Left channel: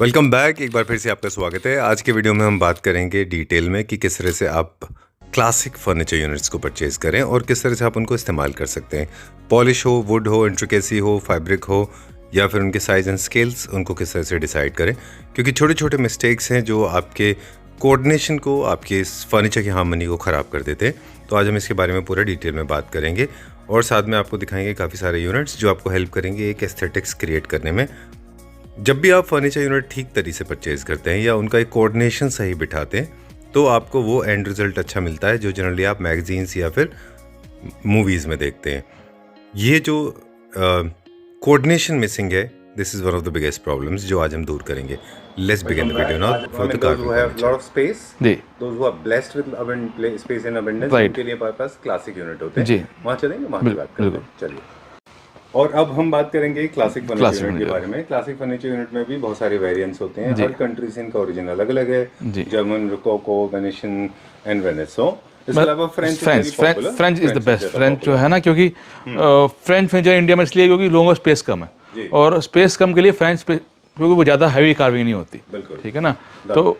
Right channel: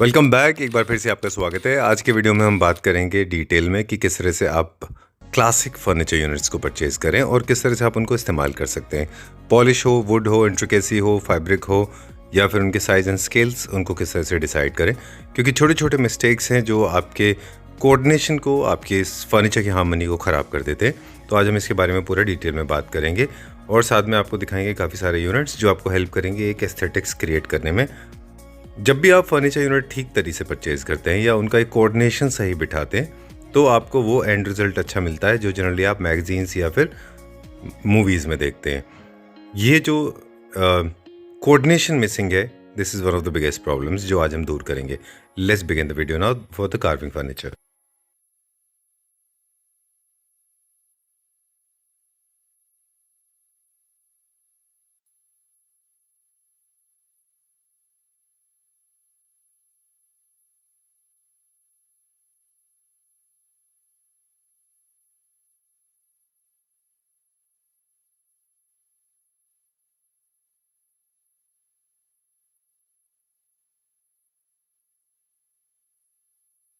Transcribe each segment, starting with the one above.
Welcome back. एक बार फिर से आपका स्वागत है। आज के वीडियो में हम बात करेंगे डिटेल में कि किस तरह से आप क्लासिक फर्नीचर यूनिट्स को परचेज़ करें और किस तरह से आप उनको इस्तेमाल कर सकते हैं। पॉलिश हो, वुड हो, इंट्रिकेसी हो, फैब्रिक हो या फिर उनके साइज़ एंड स्केल्स, उनको किस तरह से डिसाइड करें, क्योंकि छोटे छोटे मिस्टेक्स हैं जो आपके कोऑर्डिनेशन को, आपके इस फर्नीचर की हार्मनी को ख़राब कर देते हैं। तो आज हम इसके बारे में पूरा डिटेल में बात करेंगे और साथ में आपको दिखाएंगे काफ़ी सारे यूनिट्स जो आपको हेल्प करेंगे एक एस्थेटिक्स क्रिएट करने में। जब भी आप फर्नीचर यूनिट ठीक तरीके से परचेज़ करते हैं या उनका एक कोऑर्डिनेशन सही बिठाते हैं तो आपको वो एंड रिज़ल्ट अच्छा मिलता है जो जनरली आप मैगजीन्स या फिर मूवीज़ में देखते हैं। ये जो कोऑर्डिनेशन मिसिंग है, this is one of the biggest problems जो आज हम दूर करेंगे। Let's begin the video now for the carving furniture. जी Those who are blessed with space in abundance, Right. उनके लिए हमारे पास क्लासिक यूनिट होते हैं। जी। वहाँ चलेंगे, वहाँ की बात करते हैं। बिल्कुल। चलिए। और अब हम बात करेंगे क्लासिक फर्नीचर Classic यूनिट के furniture। बारे में। क्लासिक फर्नीचर यूनिट में भी बहुत सारे वेरिएंट्स होते हैं। जी। हर कंट्री से इनका ओरिजिन अलग अलग है। जी। जर्मन, रोकोको, वेनेशियन एंड वेनेसो। इसके अलावा French French is the best. French जो है ना, क्योंकि फ्रेंच फर्नीचर इंडिया में इसलिए क्योंकि लोगों को स्पेस कम जी। है और स्पेस कम के लिए फ्रेंच क्योंकि वो ज़्यादा हैवी कार्विंग नहीं होती। बिल्कुल। ठीक है ना, तो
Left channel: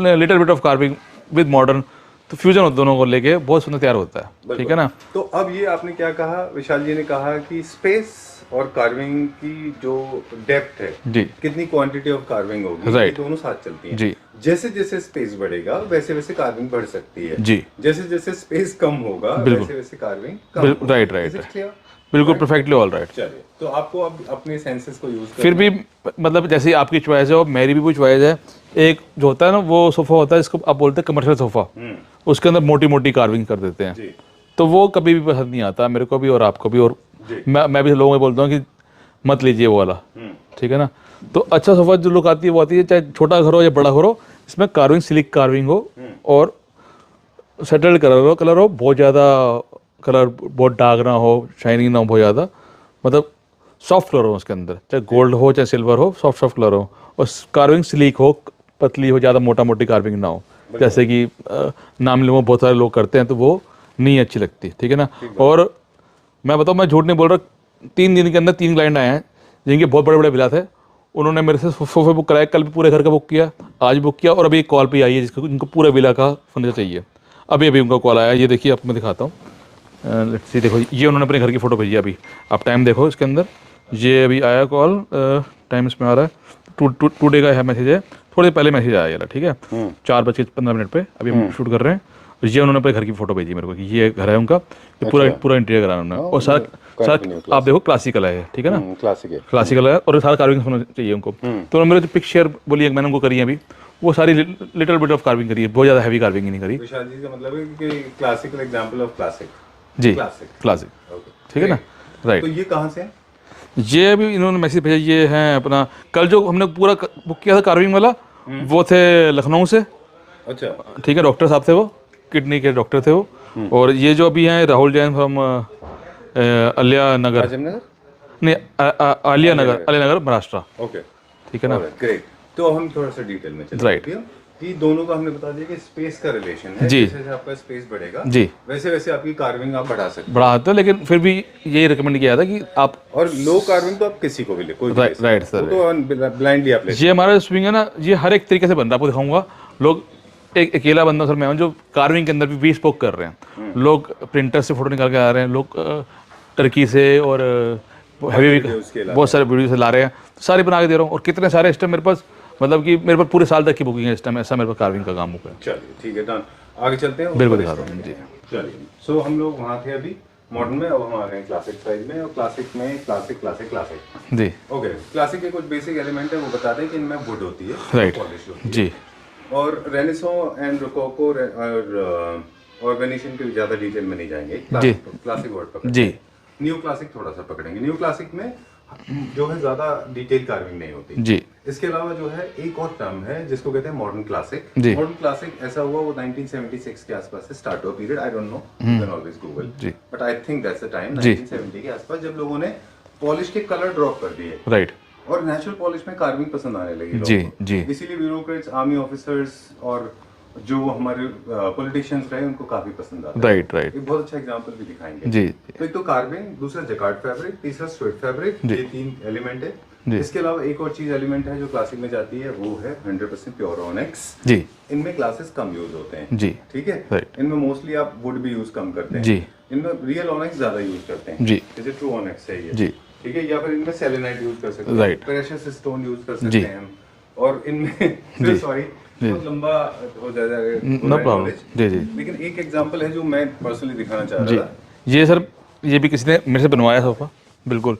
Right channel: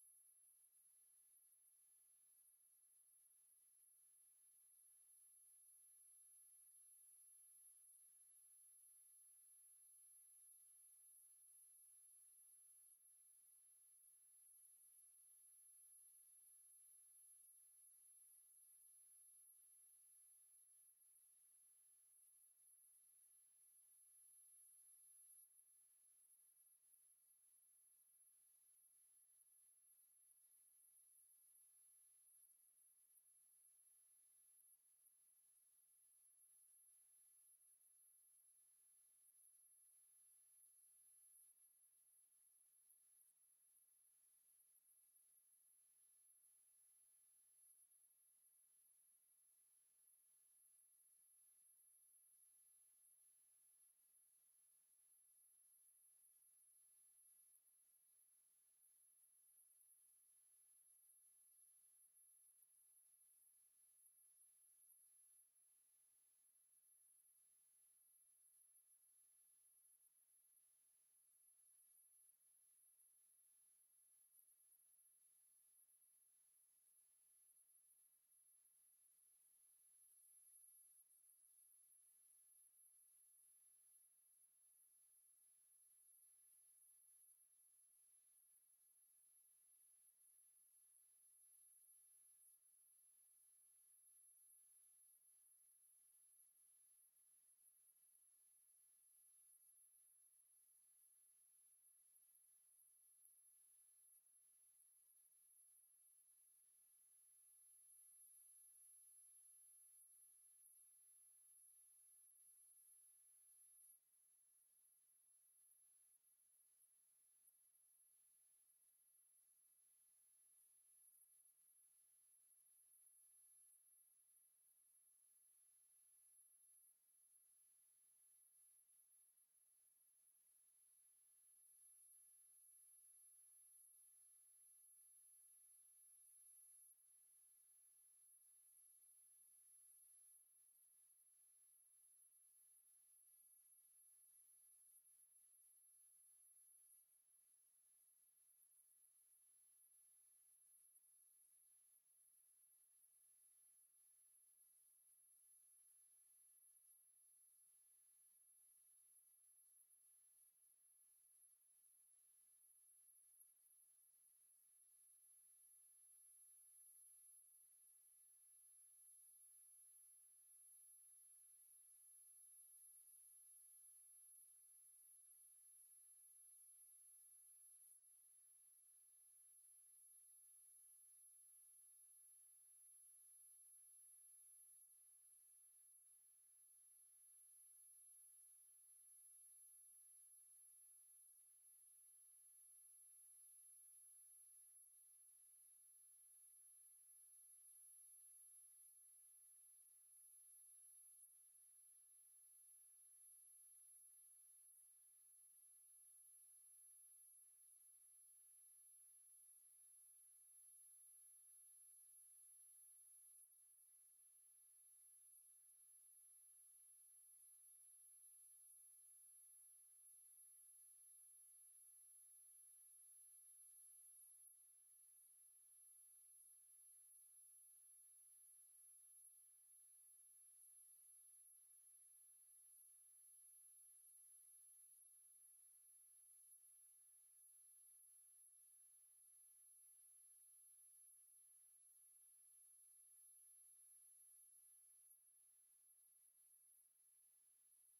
little bit of carving with modern, तो फ्यूजन दोनों को लेके बहुत सुंदर तैयार होता है। ठीक है ना। तो अब ये आपने क्या कहा, विशाल जी ने कहा कि स्पेस और कार्विंग की जो डेप्थ है, जी। कितनी क्वांटिटी ऑफ कार्विंग होगी, ये Right। दोनों साथ चलती हैं। जी। जैसे जैसे स्पेस बढ़ेगा वैसे वैसे कार्विंग बढ़ सकती है। जी। जैसे जैसे स्पेस कम होगा बिल्कुल। वैसे वैसे कार्विंग कम बिल- होगी। right, right, Is it right। clear? बिल्कुल Right? Perfectly all right. चलिए, तो आपको अब अपने सेंसेस को यूज फिर भी मतलब जैसे ही आपकी चॉइस है और मेरी भी कोई चॉइस है, एक जो होता है ना वो सोफ़ा होता है जिसको आप बोलते हैं कमर्शियल सोफ़ा, उसके अंदर मोटी मोटी कार्विंग कर देते हैं। जी। तो वो कभी भी पसंद नहीं आता मेरे को भी और आपको भी। और जी। मैं भी लोगों को बोलता हूँ कि मत लीजिए वो वाला। ठीक है ना। तो अच्छा सोफ़ा जो लुक आती है वो आती है, चाहे छोटा घर हो या बड़ा घर हो, इसमें कार्विंग सिलिक कार्विंग हो और सेटल्ड कलर हो, बहुत ज़्यादा कलर बहुत डार्क ना हो, शाइनिंग ना हो बहुत ज़्यादा, मतलब सॉफ्ट कलर हो उसके अंदर, चाहे गोल्ड हो चाहे सिल्वर हो, सॉफ्ट सॉफ्ट कलर हो और कार्विंग स्लीक हो, पतली हो, ज़्यादा मोटा मोटी कार्विंग ना हो। जैसे कि नाम लेवो बहुत सारे लोग करते हैं तो वो नहीं अच्छी लगती। ठीक है ना। और मैं बताऊँ, मैं झूठ नहीं बोल रहा, 3 दिन के अंदर 3 क्लाइंट आए हैं जिनके बहुत बड़े बड़े बिला थे। उन्होंने मेरे से सोफे बुक कराया, कल भी पूरे घर का बुक किया, आज बुक किया और अभी एक कॉल पे आई है जिसको इनको पूरे विला का फर्नीचर चाहिए। अभी अभी उनका कॉल आया, ये देखिए आपको मैं दिखाता हूँ। लेट्स सी, देखो ये उन्होंने अपने घर की फ़ोटो भेजी है अभी, आप टाइम देखो इसके अंदर, ये अभी आया कॉल, टाइम इसमें आ रहा है टू डे का है मैसेज है, थोड़ी देर पहले मैसेज आया यार। ठीक है, 4:15 पे अभी हम शूट कर रहे हैं। और ये उन्होंने अपने घर की फ़ोटो भेजी मेरे को कि ये घर है उनका, ये पूरा इंटीरियर कराना उन्होंने। और सारा आप देखो क्लासिकल है ये। ठीक है ना, क्लासिकल है और सारा कार्विंग होना चाहिए उनको। तो उन्होंने मेरे जो पिक शेयर बोली है मैंने उनको करी है अभी, वो सारी लिटिल बिट ऑफ कार्विंग करी है, बहुत ज़्यादा हैवी कार्विंग नहीं करी। विशाल जी का मतलब है कि क्लासिकल एग्जांपल ऑफ क्लासिक। जी, क्लासिक। क्लासिक। ओके। ठीक है ना, राइट। तो ये कहाँ से है? ये अभी इन्होंने मैसेज भेजा, ये है अपना, कल जो हमने पूरा बुक किया था कार्विंग वाला, वो थे लखनऊ से। अच्छा। ठीक है, डॉक्टर साहब थे वो, किडनी के डॉक्टर थे वो। और ये जो अभी हैं राहुल जैन फ्रॉम अलिया नगर, राजमनगर? नहीं आलिया नगर महाराष्ट्र। ओके। ठीक है ना, ग्रेट। तो हम थोड़ा सा डिटेल में चलते Right। हैं कि दोनों का हमने बता दिया कि स्पेस का रिलेशन है। जी। जैसे जैसे आपका स्पेस बढ़ेगा जी, वैसे वैसे आपकी कार्विंग आप बढ़ा सकते बड़ा आता है, लेकिन फिर भी यही रिकमेंड किया था कि आप हैं। और लो कार्विंग तो आप किसी को भी ले, कोई भी ले सकते राइट हैं। सर। वो तो ब्लाइंडली आप ले ये हमारा स्विंग है ना, ये हर एक तरीके से बन रहा है, आपको दिखाऊंगा। लोग, एक अकेला बंदा सर मैं हूं जो कार्विंग के अंदर भी bespoke कर रहे हैं। लोग प्रिंटर से फोटो निकाल के आ रहे हैं, लोग टर्की से और हैवी बहुत सारे वीडियो से ला रहे हैं, तो सारे बना के दे रहा हूँ। और कितने सारे इस टाइम मेरे पास, मतलब कि मेरे पास पूरे साल तक की बुकिंग है इस टाइम, ऐसा मेरे पास कार्विंग का काम हो गया। चलिए ठीक है, डन। आगे चलते हैं। बिल्कुल दिखा दूँ जी। चलिए, सो हम लोग वहाँ थे अभी मॉडर्न में, अब हम आ गए हैं क्लासिक साइज में। और क्लासिक में क्लासिक जी, ओके। क्लासिक के कुछ बेसिक एलिमेंट है वो बताते हैं कि इनमें वुड होती है, राइट। पॉलिश होती है। जी, और रेनेसो एंड रोकोको और वेनेशियन के ज़्यादा डिटेल में नहीं जाएंगे। जी। क्लासिक वर्ड पकड़ेंगे। जी, न्यू क्लासिक थोड़ा सा पकड़ेंगे। न्यू क्लासिक में जो है ज़्यादा डिटेल कार्विंग नहीं होती। जी, इसके अलावा जो है एक और टर्म है जिसको कहते हैं मॉडर्न क्लासिक। जी। मॉडर्न क्लासिक ऐसा हुआ वो 1976 के आसपास से स्टार्ट हुआ period. I don't know, you can always Google, जी। But I think that's the time, जी। 1970 के आसपास, जब लोगों ने पॉलिश के कलर ड्रॉप कर दिए राइट। और नेचुरल पॉलिश में कार्विंग पसंद आने लगी जी, लोगों को। जी। इसीलिए ब्यूरोक्रेट्स, आर्मी ऑफिसर्स और जो हमारे पॉलिटिशियंस रहे उनको काफी पसंद आता है। Right, right. एक बहुत अच्छा एग्जांपल भी दिखाएंगे। जी, तो एक तो कार्विंग, दूसरा जकार्ड फैब्रिक, तीसरा स्वेट फैब्रिक, जी। ये 3 एलिमेंट है। जी। इसके अलावा एक और चीज एलिमेंट है जो क्लासिक में जाती है, वो है 100% प्योर ऑनेक्स। जी इनमें क्लासेस कम यूज होते हैं। जी ठीक है। राइट इनमें मोस्टली आप वुड भी यूज कम करते हैं। जी इनमें रियल ऑनेक्स ज्यादा यूज करते हैं। जी जैसे ट्रू ऑनेक्स है ये। जी ठीक है। या फिर इनमें सेलेनाइट यूज कर सकते हैं, Right. प्रेशियस स्टोन यूज कर सकते जी। हैं हम। और इनमें जी। सॉरी जी। बहुत लंबा हो जाएगा नो प्रॉब्लम। जी जी लेकिन एक एग्जांपल है जो मैं पर्सनली दिखाना चाह जी। रहा था। ये सर, ये भी किसी ने मेरे से बनवाया सोफ़ा, बिल्कुल।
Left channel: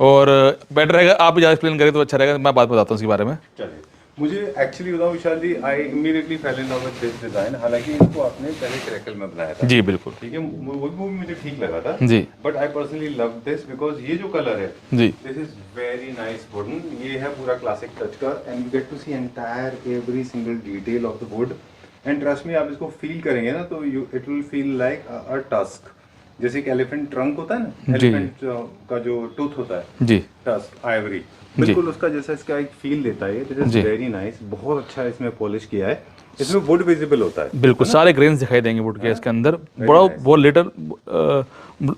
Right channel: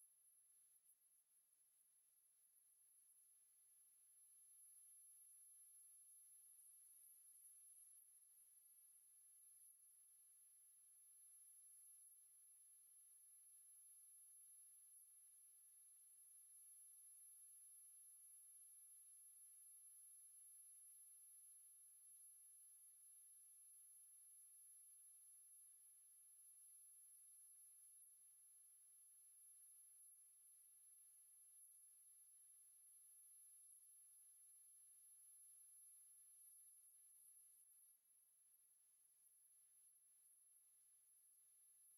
और बेटर रहेगा आप ज़्यादा एक्सप्लेन करें तो अच्छा रहेगा, मैं बात बताता हूँ उसके बारे में। चलिए, मुझे एक्चुअली बताऊं Vishal ji, I immediately fell in love with this design. हालांकि इसको आपने पहले क्रैकल में बनाया था। जी बिल्कुल। ठीक है। वो भी मुझे ठीक लगा था। जी but I personally love this because ये जो कलर है, जी this is very nice wooden. ये है पूरा क्लासिक टच का, and you get to see entire every single detail of the wood. And trust me, आप इसको फील करेंगे ना तो you it will feel like a tusk. जैसे एक एलिफेंट ट्रंक होता है ना, जी। एलिफेंट का जो टूथ होता है, जी टस्क आइवरी, बिल्कुल उसका जैसा इसका एक फील देता है। दिस इज जी। Very nice. बहुत अच्छा इसमें पॉलिश किया है। इसमें वुड विजिबल होता है। बिल्कुल, सारे ग्रेन्स दिखाई देंगे वुड के इसके अंदर। बड़ा nice. बहुत लिटर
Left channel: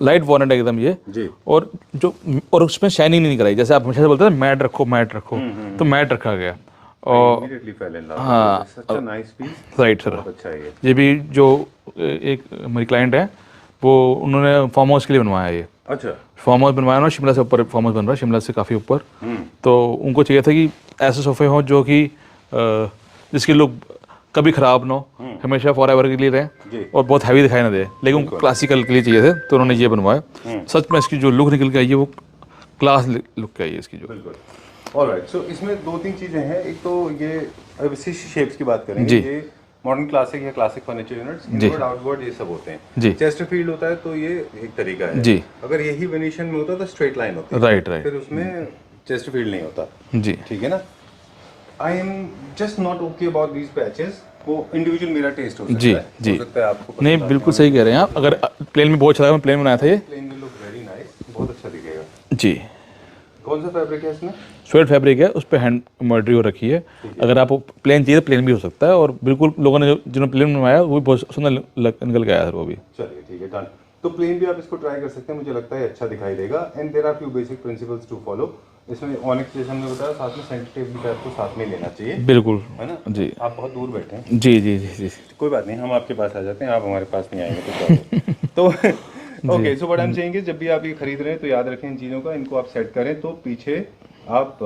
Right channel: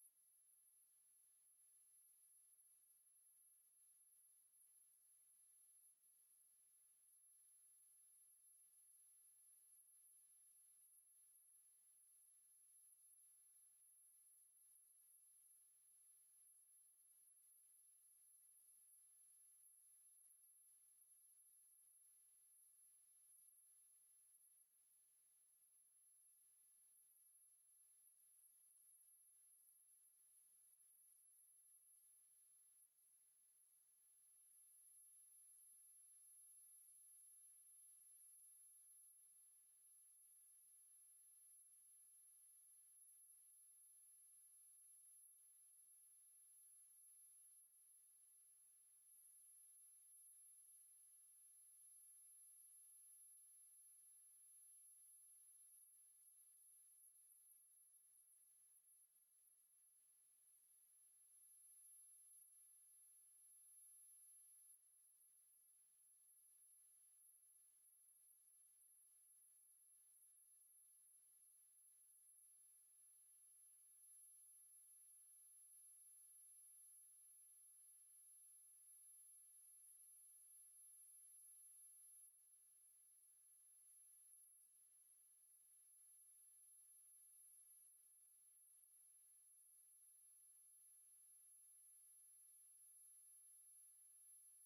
लाइट वॉलेट है एकदम ये। जी। और उसमें शाइनिंग नहीं कराई, जैसे आप हमेशा से बोलते हैं मैट रखो मैट रखो, तो मैट रखा गया। और इमीडिएटली फेल इन लव। हाँ, such a nice piece. Right sir. बहुत अच्छा है ये। ये भी जो एक मेरी क्लाइंट है, वो उन्होंने फार्म हाउस के लिए बनवाया है ये। अच्छा। फार्म हाउस बनवाया ना, शिमला से ऊपर फार्म हाउस बन रहा है, शिमला से काफ़ी ऊपर। तो उनको चाहिए था कि ऐसे सोफे हों जो कि जिसके लुक कभी ख़राब ना हो, हमेशा फॉर एवर के लिए जी। रहे और बहुत हैवी दिखाई ना दे, लेकिन उनको क्लासिकल के लिए चाहिए थे, तो उन्होंने ये बनवाया। सच में इसकी जो लुक निकल के आई है वो क्लास लुक की आई है इसकी जो। बिल्कुल। ऑलराइट, सो इसमें दो तीन चीजें हैं। एक तो ये अब इसी शेप्स की बात करेंगे। जी। ये मॉडर्न क्लासिक या क्लासिक फर्नीचर यूनिट्स, जी। इनवर्ड आउटवर्ड ये सब होते जी। हैं। चेस्टरफील्ड होता है तो ये एक तरीका है। जी। अगर यही वेनेशियन में होता तो स्ट्रेट लाइन होती है। Right right. फिर उसमें चेस्टरफील्ड नहीं होता। जी ठीक है ना। I am just not okay about these patches. वो इंडिविजुअल मेरा टेस्ट हो सकता जी, है। जी। हो सकता है आपको पसंद नहीं, आए। बिल्कुल सही कह रहे हैं आप। अगर प्लेन में बहुत अच्छा लगा, मैं प्लेन बनाया था ये। Plain will look very nice, बहुत अच्छा दिखेगा। जी। कौन सा फैब्रिक है इसमें? स्वेट फैब्रिक है, उस पर हैंड एम्ब्रॉयडरी हो रखी है। अगर आपको प्लेन चाहिए तो प्लेन भी हो सकता है, और बिल्कुल लोगों ने जिन्होंने प्लेन बनवाया वो भी बहुत सुंदर निकल के आया सर वो भी। चलिए ठीक है, डन। तो प्लेन भी आप इसको ट्राई कर सकते हैं, मुझे लगता है अच्छा दिखाई देगा। And there are few basic principles to follow. इसमें ऑनिक्स जैसे हमने बताया, साथ में सेंटर टेबल भी आपको साथ में लेना चाहिए, बिल्कुल। है ना। जी आप बहुत दूर बैठे हैं। जी जी जी जी। कोई बात नहीं, हम आपके पास आ जाते हैं, आप हमारे पास नहीं आएंगे तो क्या तो okay, so what I am saying is, जब भी आप ये खरीद रहे हैं तो याद रखें इन चीज़ों का। इनको आप सेट करें तो पीछे आप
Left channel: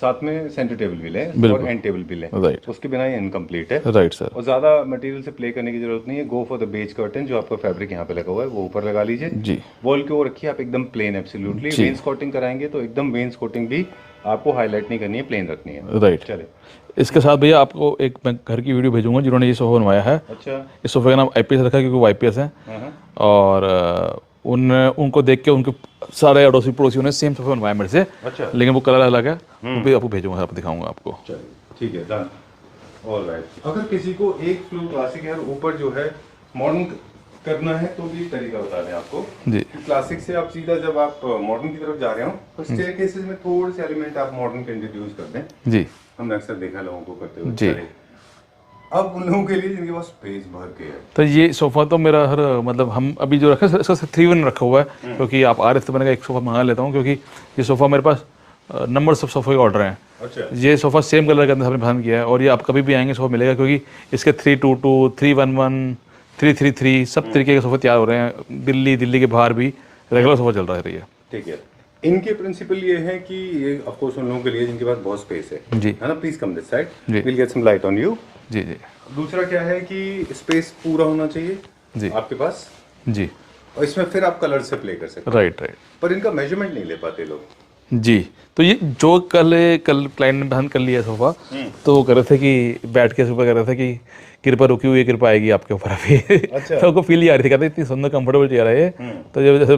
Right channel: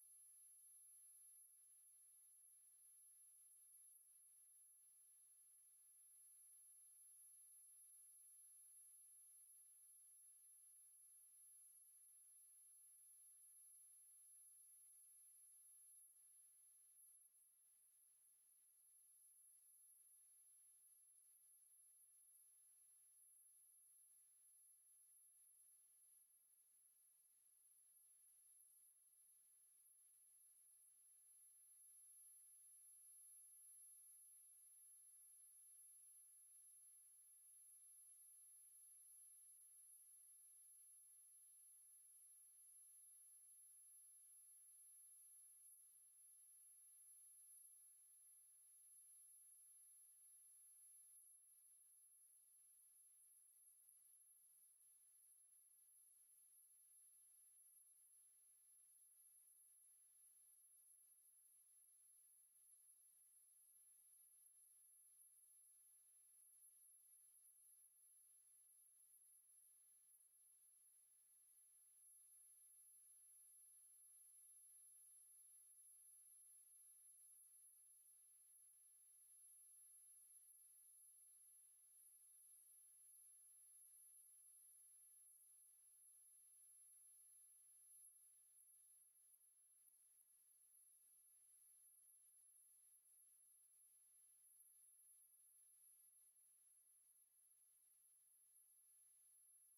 साथ में सेंटर टेबल भी लें और एंड टेबल भी लें। राइट उसके बिना ये इनकम्प्लीट है। Right sir. और ज़्यादा मटेरियल से प्ले करने की जरूरत नहीं है। Go for the beige curtain, जो आपका फैब्रिक यहाँ पे लगा हुआ है वो ऊपर लगा लीजिए। जी वॉल के वो रखिए आप एकदम प्लेन एब्सोल्युटली। जी। वेन्स कोटिंग कराएंगे तो एकदम वेन्स कोटिंग भी आपको हाईलाइट नहीं करनी है, प्लेन रखनी है। राइट। चले। इसके साथ भैया आपको एक मैं घर की वीडियो भेजूंगा जिन्होंने ये सोफा बनवाया है। अच्छा। इस सोफे का नाम IPS रखा है क्योंकि वो IPS है। हाँ। और उनको देख के उनके सारे अड़ोसी पड़ोसियों ने सेम सोफा बनवाया मेरे से, अच्छा। लेकिन वो कलर अलग है। वो भी आपको भेजूंगा, आप दिखाऊंगा आपको। चलिए ठीक है, डन। ऑलराइट, अगर किसी को एक फ्लोर क्लासिक है और ऊपर जो है मॉडर्न करना है तो भी तरीका बता दें आपको। जी क्लासिक से आप सीधा जब आप मॉडर्न की तरफ जा रहे हो तो स्टेयरकेसेस में थोड़े से एलिमेंट आप मॉडर्न के इंट्रोड्यूस कर दें। जी हमने अक्सर देखा लोगों को करते हुए। जी। चलिए, अब उन लोगों के लिए जिनके पास स्पेस भर के है। तो ये सोफ़ा तो मेरा हर मतलब हम अभी जो रखा है इसका 3-1 रखा हुआ है, क्योंकि आप आ रहे थे तो मैंने कहा एक सोफ़ा मंगा लेता हूँ, क्योंकि ये सोफ़ा मेरे पास नंबर सब सोफ़े के ऑर्डर हैं। अच्छा। ये ये सोफ़ा सेम कलर के अंदर हमने पसंद किया है, और ये आप कभी भी आएंगे सोफ़ा मिलेगा, क्योंकि इसके 322, 311, 333 सब तरीके के सोफ़े तैयार हो रहे हैं। दिल्ली के बाहर भी रेगुलर सोफ़ा चल रहा है ये। ठीक है। इनके प्रिंसिपल ये है कि ये ऑफ कोर्स उन लोगों के लिए जिनके पास बहुत स्पेस है। जी है ना। प्लीज कम दिस साइड, जी। Will get some light on you. जी जी दूसरा क्या है कि स्पेस पूरा होना चाहिए जी आपके पास, जी। और इसमें फिर आप कलर से प्ले कर सकते हैं। Right right. पर इनका मेजरमेंट नहीं ले पाते लोग। जी, तो ये जो कल क्लाइंट ने पसंद कर लिया सोफ़ा, तो वो कर रहे थे कि बैठ के सुबह कर रहे थे कि कृपा रुकी हुई है, कृपा आएगी आपके ऊपर अभी। अच्छा। तो उनको फील ही आ रही थी, कहते इतनी सुंदर कंफर्टेबल चेयर है ये। तो जब जैसे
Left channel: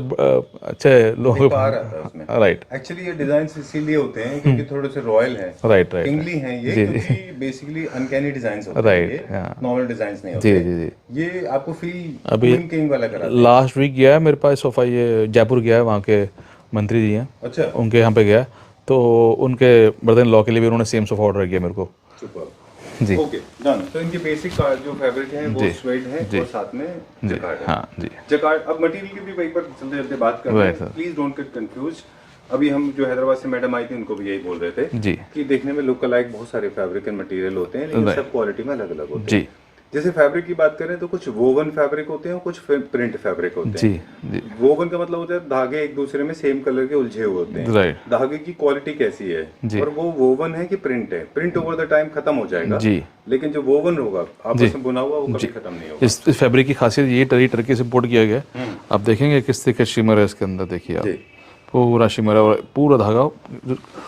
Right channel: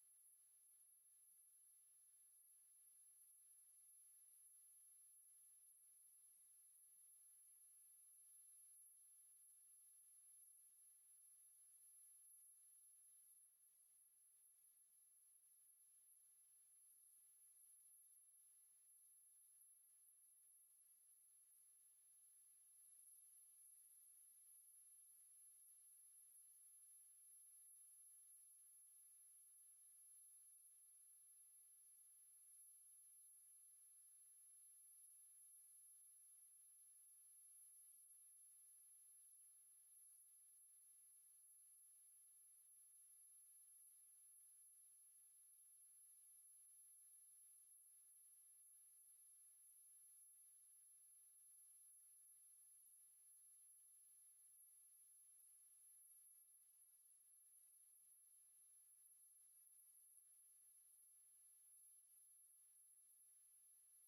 अच्छे लोगों आ रहा था उसमें। राइट एक्चुअली ये डिजाइन इसीलिए होते हैं क्योंकि थोड़े से रॉयल हैं, राइट राइट किंगली हैं ये, जी, क्योंकि बेसिकली अनकैनी डिजाइन्स होते हैं Right, ये, हाँ। नॉर्मल डिजाइन्स नहीं जी होते। जी जी। ये आपको फील अभी किंग वाला कराता है। लास्ट वीक गया है मेरे पास सोफ़ा, ये जयपुर गया है, वहाँ के मंत्री जी हैं, अच्छा। उनके यहाँ पे गया, तो उनके ब्रदर इन लॉ के लिए भी उन्होंने सेम सोफ़ा ऑर्डर किया मेरे को। सुपर। जी ओके, डन। तो इनके बेसिक जो फैब्रिक है वो जी, स्वेड है जी, और साथ में जी जकार्ड है। हाँ जी जकार्ड। अब मटेरियल की भी वहीं पर चलते चलते बात कर रहे Right, हैं, sir. Please don't get confuse. अभी हम जो हैदराबाद से मैडम आई थी उनको भी यही बोल रहे थे जी कि देखने में लुक अलाइक बहुत सारे फैब्रिक एंड मटेरियल होते हैं, लेकिन सब क्वालिटी में अलग अलग होते जी हैं। जैसे फैब्रिक की बात करें तो कुछ वोवन फैब्रिक होते हैं और कुछ प्रिंट फैब्रिक होते जी हैं। जी वोवन का मतलब होता है धागे एक दूसरे में सेम कलर के उलझे हुए होते हैं। राइट धागे की क्वालिटी कैसी है जी और वो वोवन है कि प्रिंट है। प्रिंट ओवर द टाइम खत्म हो जाएगा, जी लेकिन जो वोवन होगा आपस में बुना हुआ वो कभी खत्म नहीं होगा। इस फैब्रिक की खासियत ये टर्की से इम्पोर्ट किया गया है। आप देखेंगे किस तरह का शिमर है इसके अंदर, देखिए आप जी पूरा शिमर है और पूरा धागा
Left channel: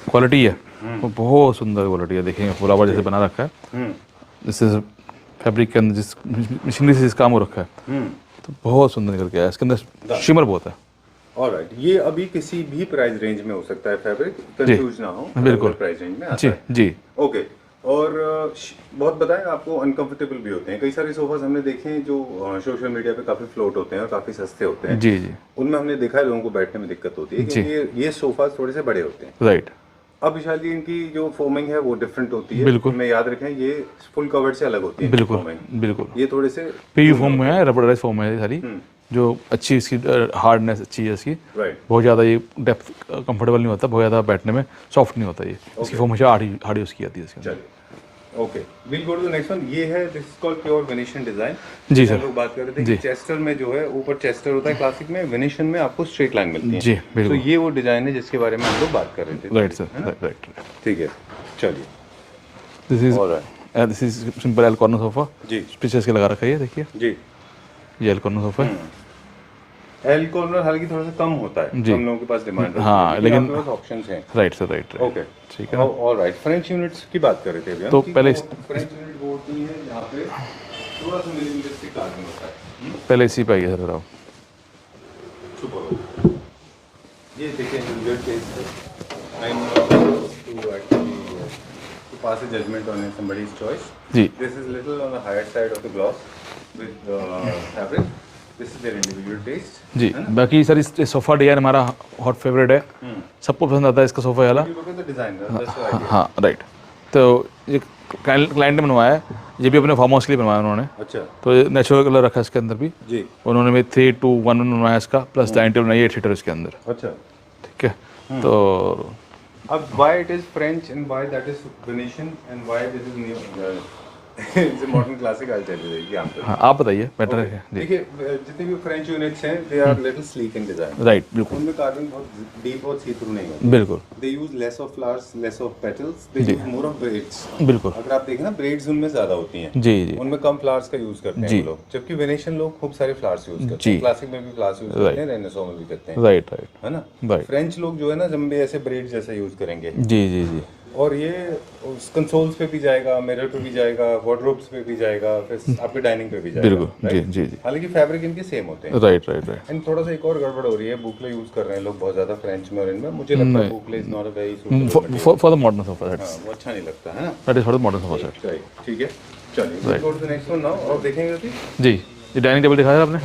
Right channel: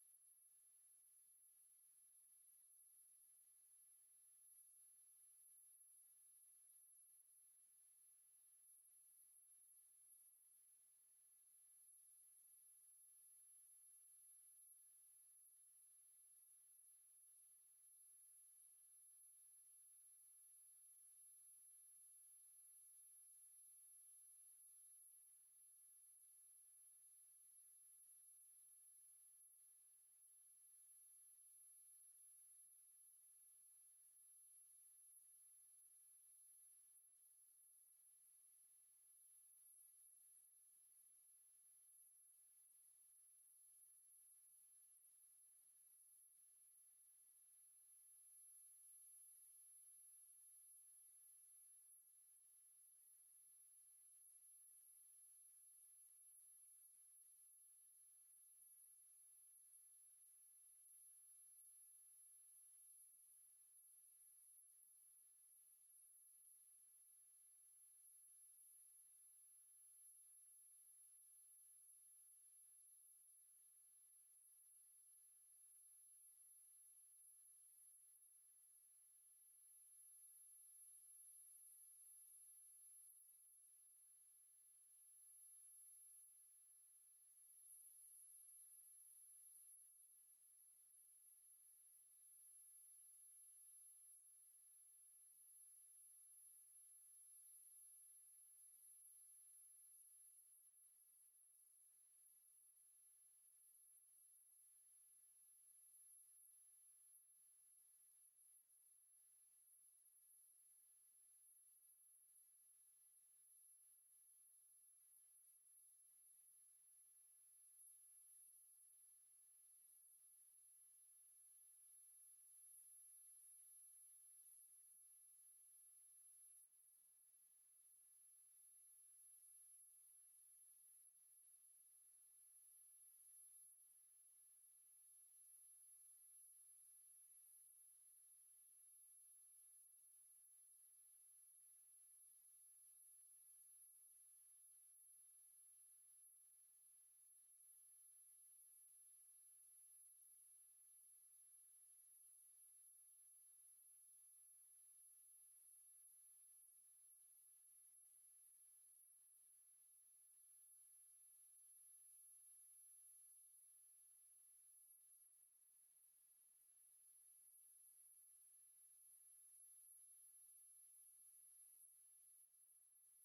क्वालिटी है वो बहुत सुंदर क्वालिटी है। देखेंगे फ्लावर जैसे बना रखा है, जिससे फैब्रिक के अंदर जिस मशीनरी से इस काम हो रखा है तो बहुत सुंदर निकल के आया। इसके अंदर शिमर बहुत है। ऑलराइट, ये अभी किसी भी प्राइस रेंज में हो सकता है फैब्रिक, कंफ्यूज ना हो, बिल्कुल प्राइस रेंज में आता जी है। जी ओके, और बहुत बताएं आपको अनकंफर्टेबल भी होते हैं। कई सारे सोफाज हमने देखे हैं जो सोशल मीडिया पे काफी फ्लोट होते हैं और काफी सस्ते होते हैं। जी जी उनमें हमने देखा है लोगों को बैठने में दिक्कत होती है क्योंकि ये सोफाज थोड़े से बड़े होते हैं। राइट अब विशाल जी, इनकी जो फोमिंग है वो डिफरेंट होती है। बिल्कुल। में याद रखें ये फुल कवर्ड से अलग होती है बिल्कुल foaming। बिल्कुल ये थोड़े से पीयू फोम में है, रबराइज फोम है ये सारी, जो अच्छी इसकी हार्डनेस अच्छी है इसकी। राइट। बहुत ज़्यादा ये डेप्थ कंफर्टेबल नहीं होता, बहुत ज़्यादा बैठने में सॉफ्ट नहीं होता ये। इसकी फोम हमेशा हार्ड यूज़ की जाती है इसके अंदर। चलिए, okay, will go to the next one. ये है, this is called pure Venetian design. जी हम सर लोग बात कर रहे थे कि चेस्टर में जो है ऊपर चेस्टर होता है क्लासिक में, वेनेशियन में आपको स्ट्रेट लाइन मिलती है। जी बिल्कुल तो ये वो डिजाइन है जिसके बारे में हम लोग बात कर रहे थे। Right sir right. ठीक है, चलिए। This is simple L corner sofa, जी स्टिचेस के लगा रखा है ये देखिए। जी, ये एल कॉर्नर सोफा है। एल कॉर्नर हालांकि थोड़ा सा कम होता है, जी। हम लोगों के पास डिमांड हाँ, लेकिन ऑप्शंस हैं। Right sir right. ओके, ठीक है ना। ऑलराइट। फ्रेंच यूनिट्स की बात कर रहे थे अभी हम तो कि पहले वो फ्रेंच यूनिट वो होती है जहाँ पे थोड़ा सा मिनिमलिस्टिक कार्विंग होता है। पहले इसी पे आइए सर आप। सुपर। ये देखिए इंडिविजुअल टेस्ट है। I am not to actually to pass a judgment on somebody's choice. जी This is little on the higher side of the gloss with fabric. This is their individual taste. जी, बाकी sir इस sofa design हमारा hot favourite है, सबको पसंद आता है इसका सोफ़ा वाला। You look at the design, that's the idea. हाँ राइट। तो ये क्लाइंट ने बनवाया है, ये भी अपने फार्म हाउस के लिए बनवाया उन्होंने। अच्छा तो ये नेचुरल कलर रखा है इसके अंदर भी। जी, उन्होंने भी 3-2-1 बनवाया इसका, प्लस डाइनिंग टेबल बनाई 8 सीटर इसके अंदर। अच्छा। ठीक है, तो अब why it is French and why that is Venetian and why this is new it's a modern classic, I'll tell you the answer. हाँ आप बताइए बेटर है जी। देखिए, जितने भी फ्रेंच यूनिट्स हैं they are little sleek in design. Right बिल्कुल उनमें कार्विंग बहुत डीप और सी थ्रू नहीं होती। बिल्कुल they use less of flowers, less of petals, they use more of braids. बिल्कुल अगर आप देखें ना, ब्रेड्स उनमें ज्यादा होती हैं, जी जी उनमें कम फ्लावर्स का यूज करते हैं वो लोग, जबकि वेनेशियन लोग खूब सारे फ्लावर्स यूज करते हैं। क्लासिक में भी फ्लावर्स यूज करते हैं, रेनेसो में भी करते हैं, राइट राइट है ना। राइट फ्रेंच लोग जो है ना जम्बे ऐसे ब्रेड जैसा यूज करेंगे, जी जी जी और ये कंसोल्स पे भी जाएगा, मिरर पे भी जाएगा, वार्डरोब्स पे भी जाएगा, फिर आपके डाइनिंग पे भी जाएगा। बिल्कुल जी जी जी हालांकि फैब्रिक इनके सेम होते हैं। Right right right. एंड थोड़ा सा एक और गड़बड़ हो रही है, बुकले यूज कर रहे हैं लोग बहुत ज्यादा फ्रेंच में, और इनमें मुझे लगता है boucle is not a very suitable. For the modern sofa that's वो अच्छा नहीं लगता है ना। That is for the modern sofa set. Right, ठीक है, चलिए go to the next one now. और देखेंगे कि जी, ये डाइनिंग टेबल दिखाया आपने,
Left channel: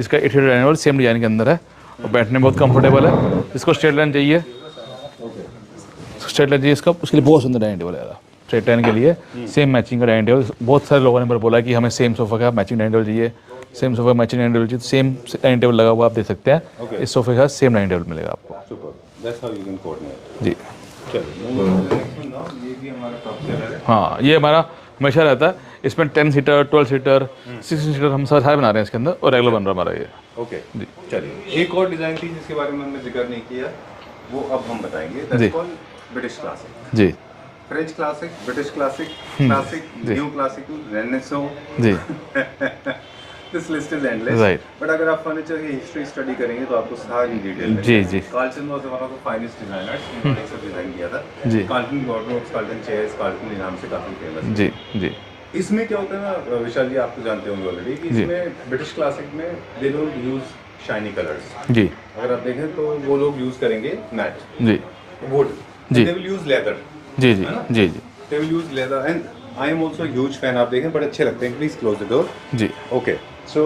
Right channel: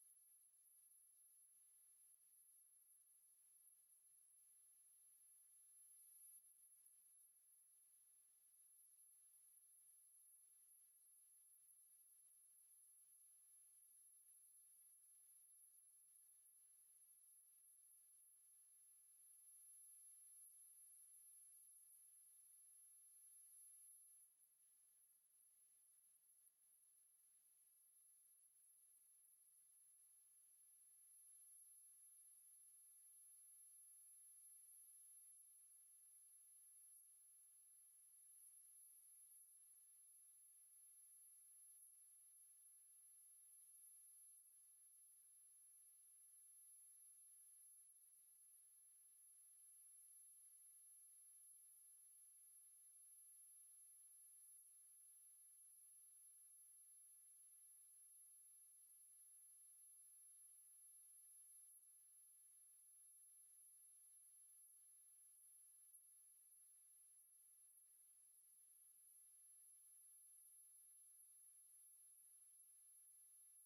इसका 8 seater dining table same design के अंदर है और बैठने में बहुत कंफर्टेबल है। इसको स्ट्रेट लाइन चाहिए, स्ट्रेट लाइन चाहिए इसका, उसके लिए बहुत सुंदर डाइनिंग टेबल है। स्ट्रेट लाइन के लिए सेम मैचिंग का डाइनिंग टेबल, बहुत सारे लोगों ने बोला कि हमें सेम सोफा का मैचिंग डाइनिंग टेबल चाहिए, same sofa matching dining table चाहिए, तो सेम डाइनिंग टेबल लगा हुआ आप देख सकते हैं। इस सोफे का सेम डाइनिंग टेबल मिलेगा आपको। Super, that's how you can coordinate. जी चलिए नेक्स्ट वन नाउ। ये भी हमारा टॉप सेलर है। हाँ, ये हमारा हमेशा रहता है। इसमें 10 सीटर, 12 सीटर, 16 सीटर हम सारे बना रहे हैं इसके अंदर, और रेगुलर बन रहा है हमारा ये। ओके जी, चलिए एक और डिजाइन थी जिसके बारे में हमने जिक्र नहीं किया, वो अब हम बताएंगे। That's called British classic. जी French classic, British classic, classic, new classic, renaissance, जी this list is endless. Right. But अगर आप फर्नीचर की हिस्ट्री स्टडी करेंगे तो आपको सारी डिटेल में जी जी Carlton was one of the finest designers, इन्होंने सब डिजाइन किया था। जी Carlton wardrobes, Carlton chairs, Carlton के नाम से काफी फेमस है। जी जी इसमें क्या होता है ना विशाल जी, आप तो जानते होंगे ऑलरेडी कि इसमें ब्रिटिश क्लासिक में they don't use shiny colours. जी अगर आप देखें तो वो लोग यूज करेंगे मैट जी वुड, जी। दे विल यूज लेदर, जी जी जी जी they will use leather. And I am also huge fan. आप देखें बड़े अच्छे लगते हैं। Please close the door. जी okay, so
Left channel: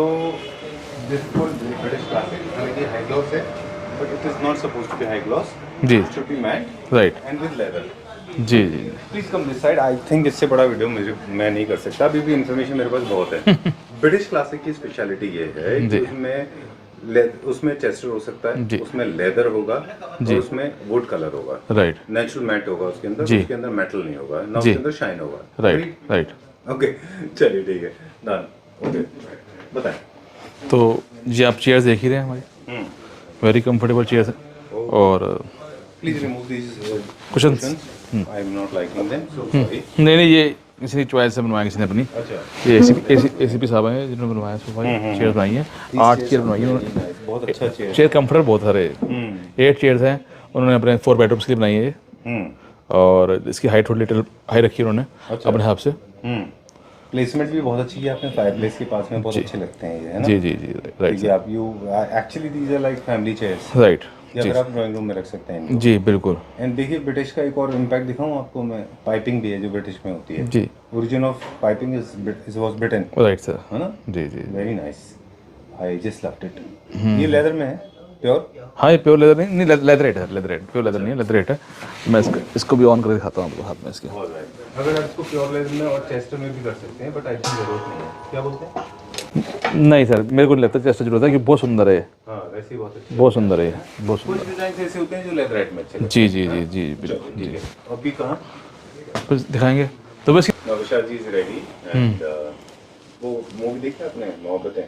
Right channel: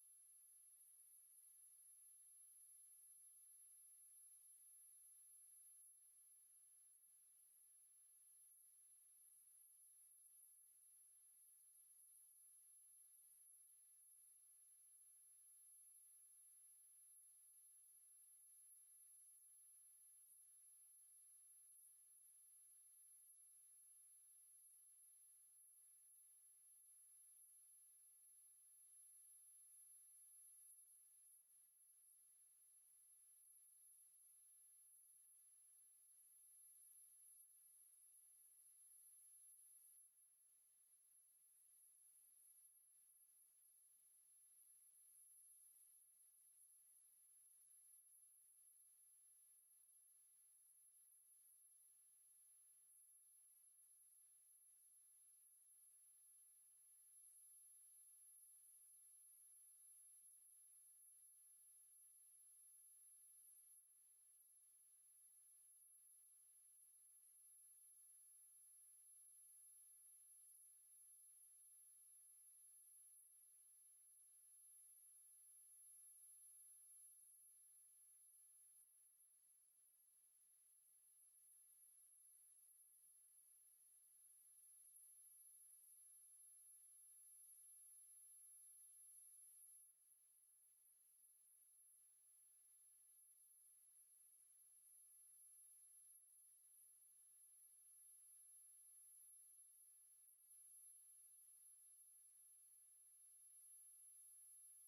this is called British classic. हालांकि हाई ग्लॉस है, but it is not supposed to be high gloss, जी it should be matte right and with leather. जी जी please come this side. I think इससे बड़ा video मैं नहीं कर सकता, अभी भी इन्फॉर्मेशन मेरे पास बहुत है। ब्रिटिश क्लासिक की स्पेशलिटी ये है कि जी। उसमें उसमें चेस्टर हो सकता जी। है, उसमें लेदर होगा और उसमें वुड कलर होगा, राइट नेचुरल मैट होगा उसके अंदर, जी। उसके अंदर मेटल नहीं होगा ना, जी। उसके अंदर शाइन होगा। Right right. ओके, चलिए ठीक है, डन। ओके, बताएं। तो जी आप चेयर्स देख ही रहे हैं हमारी, वेरी कंफर्टेबल चेयर्स हैं और please remove this Cushions. I am not liking them, so sorry. नहीं ये किसी की चॉइस से बनवाया किसी ने अपनी। अच्छा, ये एसीपी साहब हैं जिन्होंने बनवाया सोफा, चेयर बनाई है, 8 चेयर बनवाई है उन्होंने। बहुत अच्छा चेयर। चेयर कंफर्ट बहुत सारे 8 चेयर्स हैं उन्होंने अपने 4 बेडरूम्स के लिए बनाई है ये। और इसकी हाइट थोड़ी लिटिल हाई रखी है उन्होंने अपने हिसाब से। प्लेसमेंट भी बहुत अच्छी है, आपने फायरप्लेस के पास में बहुत अच्छे लगते हैं ये, है ना? जी जी जी राइट क्योंकि आप you actually these are like family chairs, right या फिर आप ड्राइंग रूम में रख सकते हैं इनको। जी बिल्कुल एंड देखिए ब्रिटिश का एक और इम्पैक्ट दिखाऊं आपको मैं, पाइपिंग भी है जो ब्रिटिश में होती है। जी origin of piping is was Britain, right sir. है ना? जी जी very nice, I just loved it. ये लेदर में है, प्योर। हाँ ये प्योर लेदर नहीं लेदरेट है, लेदरेट प्योर लेदर नहीं है, लेदरेट है। मैं इसको भी ऑन करके दिखाता हूँ आपको हाथ में इसके। अगर आप इसको प्योर लेदर में और चेस्टर में भी कर सकते हैं, बट आई थिंक जरूरत नहीं है, क्या बोलते हैं? नहीं सर मेरे को नहीं लगता चेस्ट जरूरत है, कि बहुत सुंदर है ये, हाँ वैसे ही बहुत अच्छी। बहुत सुंदर है ये, बहुत कुछ डिजाइन ऐसे होते हैं जो लेदरेट में अच्छे लगते जी जी जी जी हैं। बिल्कुल ठीक है, अभी कहाँ? कुछ दिखाएंगे तो बस। नौशाद जी इज रेडी एंड वो मूवी देखी आपने मोहब्बतें?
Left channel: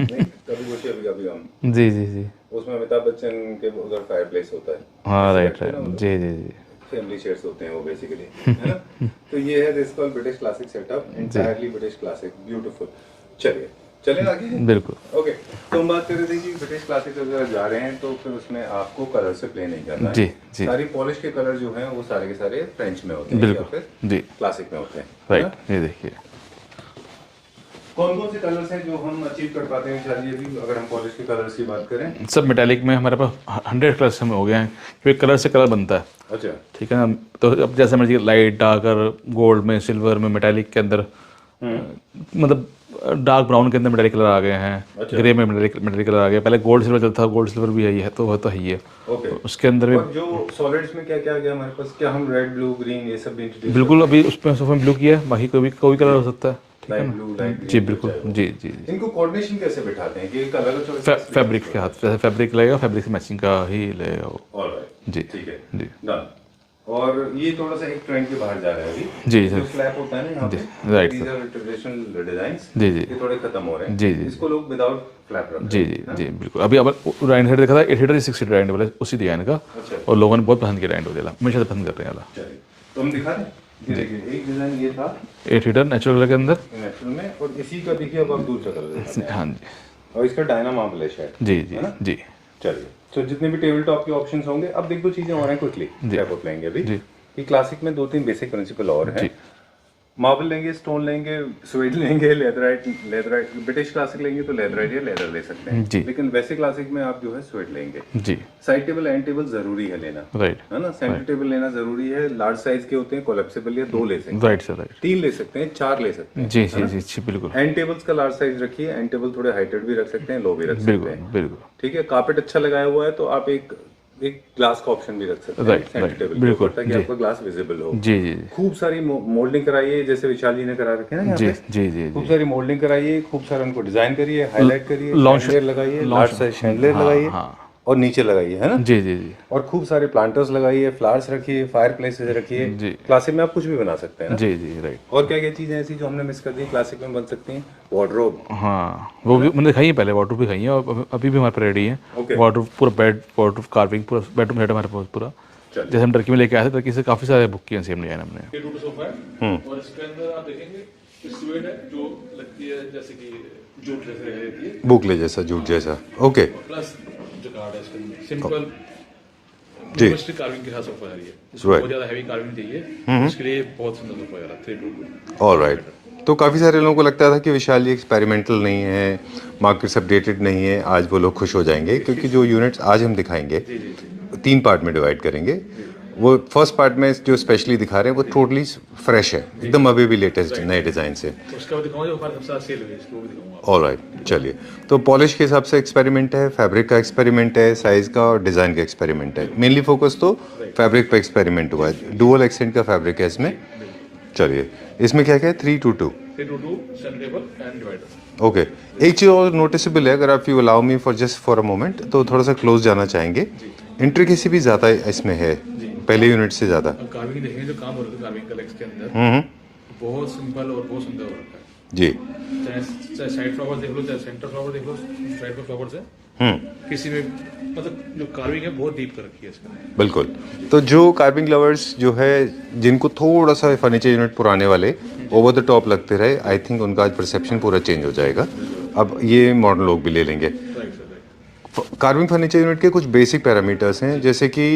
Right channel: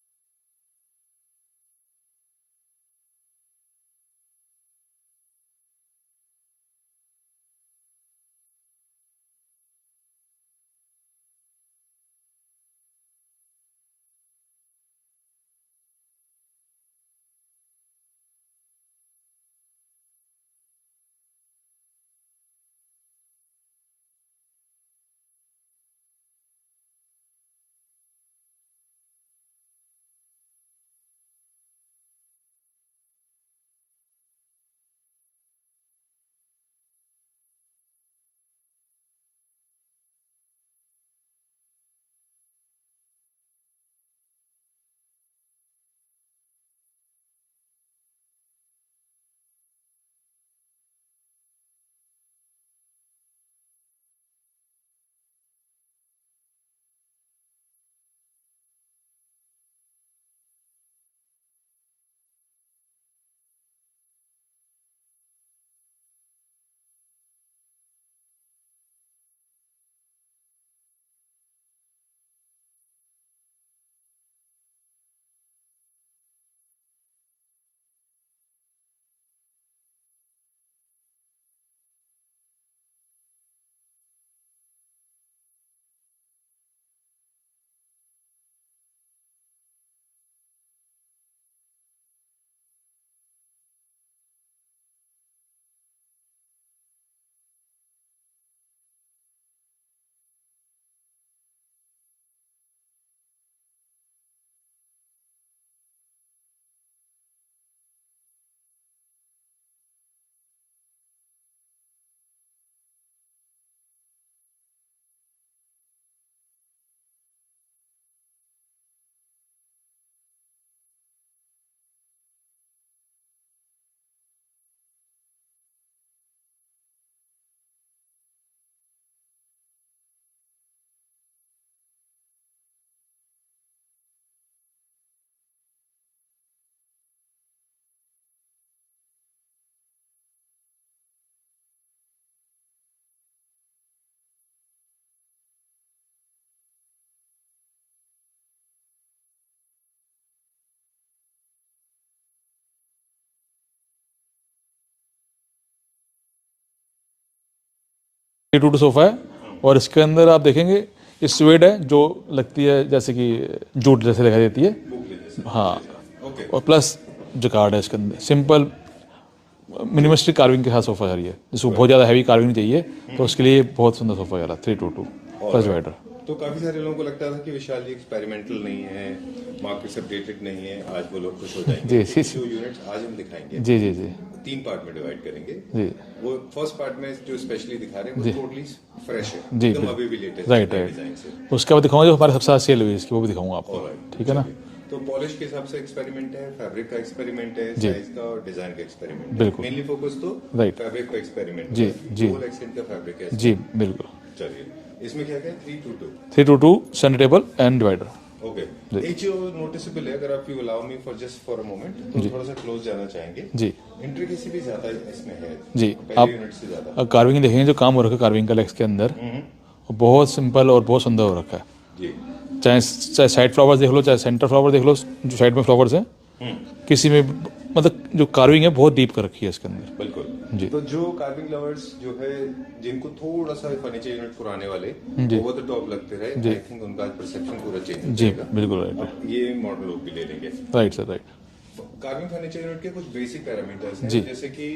नहीं, कभी खुशी कभी कभी गम, जी जी जी उसमें अमिताभ बच्चन के उधर फायरप्लेस होता है, हाँ राइट राइट जी जी जी फैमिली चेयर्स होते हैं वो बेसिकली, है ना? तो ये है this called British classic setup, entirely British classic, beautiful. चलिए चलें आगे। बिल्कुल ओके, तो हम बात कर रहे थे कि ब्रिटिश क्लासिक अगर जा रहे हैं तो फिर उसमें आपको कलर से प्ले नहीं करना है। जी जी सारी पॉलिश के कलर जो हैं वो सारे के सारे फ्रेंच में होते हैं या बिल्कुल फिर जी क्लासिक में होते हैं, राइट। ये देखिए कौन कौन से कलर्स हैं जो हम अचीव कर पाते हैं शायद, ये भी अगर हम पॉलिश के कलर्स की बात करें? सब मेटालिक में हमारे पास 100 कलर्स में हो गए हैं, क्योंकि कलर से कलर बनता है। अच्छा, ठीक है ना, तो अब जैसे मर्जी लाइट डार्कर, गोल्ड में, सिल्वर में, मेटालिक के अंदर मतलब डार्क ब्राउन के अंदर मेटालिक कलर आ गए हैं, ग्रे में मेटालिक कलर आ गया। पहले गोल्ड सिल्वर चलता था, गोल्ड सिल्वर भी है तो ही है। ओके, उसके अंदर भी और जो सॉलिड्स में क्या क्या आ गया हमारे पास, क्या हम रेड ब्लू ग्रीन ये सब भी इंट्रोड्यूस? बिल्कुल अभी उसमें सोफे में ब्लू किया है, बाकी कोई कलर हो सकता है। लाइट ब्लू, लाइट जी बिल्कुल जी जी जी। इनको कोऑर्डिनेशन कैसे बिठाते हैं कि कलर चॉइस? फैब्रिक के हाथ, जैसे फैब्रिक लगेगा फैब्रिक से मैचिंग का ही लगेगा वो। ऑलराइट, जी ठीक है, जी डन। और ये थोड़ा सा एक ट्रेंड के बाहर जा रहा है अभी, जी जो सर स्लैब होता है ना यहाँ पे, right these are traditional designs, जी जी ये थोड़े खत्म हो रहे हैं। जी जी इसको लोग विदाउट फ्लैप रखते जी जी जी बिल्कुल। अभी अब डाइनिंग सेट देखा था, 8 सीटर 6 सीटर डाइनिंग टेबल है उसी डिजाइन का, अच्छा, और लोगों ने बहुत पसंद किया डाइनिंग टेबल, हमेशा से पसंद कर रहे हैं। चलिए तो हम दिखा रहे हैं। ये देखिए एक डिजाइन ये था 8 सीटर नेचुरल कलर के अंदर। नेचुरल में, और इसी का देखिए अब आप दूसरा कलर दिखाते हैं, हाँ जी और इसका डायना मार्बल है शायद। जी जी जी चलिए, तो जितने भी टेबल टॉप के ऑप्शंस होंगे, अब देख दो चीजें और हैं क्विकली रैप अप लेंगे अभी। जी कि क्लासिक में 2-3 बेसिक प्रिंसिपल और हैं। जी मार्बल लेंगे, स्टोन लेंगे, स्वेड लेंगे, लेदराइट, ब्रिटिश क्लासिक लेंगे तो लेदराइट या लेदर ले सकते हैं जी। लेकिन वैसे क्लासिक में आप जो है स्वेड लेंगे। जी साइड टेबल एंड टेबल जरूरी है लेना, राइट है ना? सेंटर टेबल लेना जरूरी है। लार्ज साइज के होते हैं, कोलैप्सिबल, या 2 ले सकते हैं, राइट सर राइट 3 ले सकते हैं, 4 ले सकते हैं। जी जी जी बिल्कुल एंड टेबल्स का लार्ज साइज रखिए, एंड टेबल थोड़े हाइटेड भी रख सकते हैं, लो भी रख सकते बिल्कुल हैं, बिल्कुल ठीक है? कार्पेट अच्छा लगाया हुआ है तो आप एक ग्लास का ऑप्शन भी रख सकते हैं राइट सेंटर राइट टेबल बिल्कुल ताकि आपका ग्लास विजिबल हो। जी जी खूब सारी मोल्डिंग कराइए, जैसे विशाल जी ने करा रखे हैं ना यहाँ जी पे। जी जी खूब सारी मोल्डिंग कराइए, खूब सारा उनको डिजाइन करिए, हाईलाइट करिए, लॉन्च- शैंडलियर लगाइए, लार्ज साइज शैंडलियर लगाइए, हाँ और नीचे लगाइए, है ना? जी जी जी और खूब सारे प्लांटर्स लगाइए, फ्लावर्स रखिए, फायर प्लेसेस रखिए। जी क्लासिक में आप कुछ भी बना सकते हैं ना? जी जी राइट। और क्या क्या चीजें ऐसी जो हमने मिस कर दी क्लासिक में बन सकती हैं? वार्डरोब, हाँ वो भी मैंने दिखाई है पहले, वाटर भी खाई है, और अभी भी हमारे पे रेडी है। Okay. वाटर पूरा बेड, वाटर कार्विंग, पूरा बेडरूम सेट हमारे पास पूरा। चलिए। जैसे हम टर्की में लेके आए थे, टर्की से काफ़ी सारे बुक किए सेम डिजाइन हमने। 2 सोफा है, और इसके अंदर आप देखेंगे ये स्वेड है जो लगती है जैसे कि जूट जैसे दिखाई देती है, बुकले जैसा, जूट जैसा। ओके, और प्लस जकार्ड है इसके अंदर, सिंपल मिनिमलिस्टिक कार्विंग के साथ सोफा है ये, जिसको बहुत ज़्यादा हैवी कार्विंग चाहिए तो उसके लिए बहुत सुंदर सोफा है 322। ऑलराइट। तो काफ़ी सारे लोगों को लगता था कि विशाल एक्सपेरिमेंटल नहीं है, मार्केट्स अपडेटेड नहीं है। आज वो लोग खुश हो जाएंगे क्योंकि जो यूनिट्स आज हम दिखाएंगे जी जी जी 3 पार्ट में डिवाइड करेंगे। वो फर्स्ट पार्ट में जो स्पेशली दिखा रहे हैं वो टोटली फ्रेश है, एकदम अभी भी लेटेस्ट नए डिजाइन से। तो उसके बाद दिखाऊंगा जो हमारे सबसे ज़्यादा सेल हुई है इसकी, वो भी दिखाऊंगा आपको। ऑलराइट, चलिए। तो पॉलिश के हिसाब से एक्सपेरिमेंट है, फैब्रिक का एक्सपेरिमेंट है, साइज का और डिजाइन का एक्सपेरिमेंट है। मेनली फोकस तो फैब्रिक पे एक्सपेरिमेंट हुआ है। डुअल एक्सेंट का फैब्रिक है इसमें। बिल्कुल। चलिए, इसमें क्या क्या है? 322 322 centre table and divider. Okay एक चीज और नोटिसेबल है, अगर आप you allow me for just for a moment, तो थोड़ा सा क्लोज जाना चाहेंगे। जी इंट्रिकेसी भी ज्यादा इसमें है जी। पहले यूनिट से ज्यादा। कार्विंग देखेंगे, जो काम हो रखा है कार्विंग का लेग्स के अंदर, वो बहुत सिंपल और बहुत सुंदर हो रखा है। जी चाहे चाहे साइड फ्लावर्स देख लो, चाहे सेंटर फ्लावर देख लो, जो साइड में फ्लावर्स हैं, किसी में मतलब जो कार्विंग है बहुत डीप कर रखी है इसके अंदर। बिल्कुल। तो जो कार्विंग लवर्स जो है, जिनको थोड़ा सा फर्नीचर यूनिट पुराने वाले ओवर द टॉप लगते रहे, आई थिंक उनका आज परसेप्शन पूरा चेंज हो जाएगा। बिल्कुल right। अब ये मॉडर्न लोग भी ले लेंगे। Right sir, right. Carving furniture unit के कुछ बेसिक पैरामीटर्स हैं, जैसे कि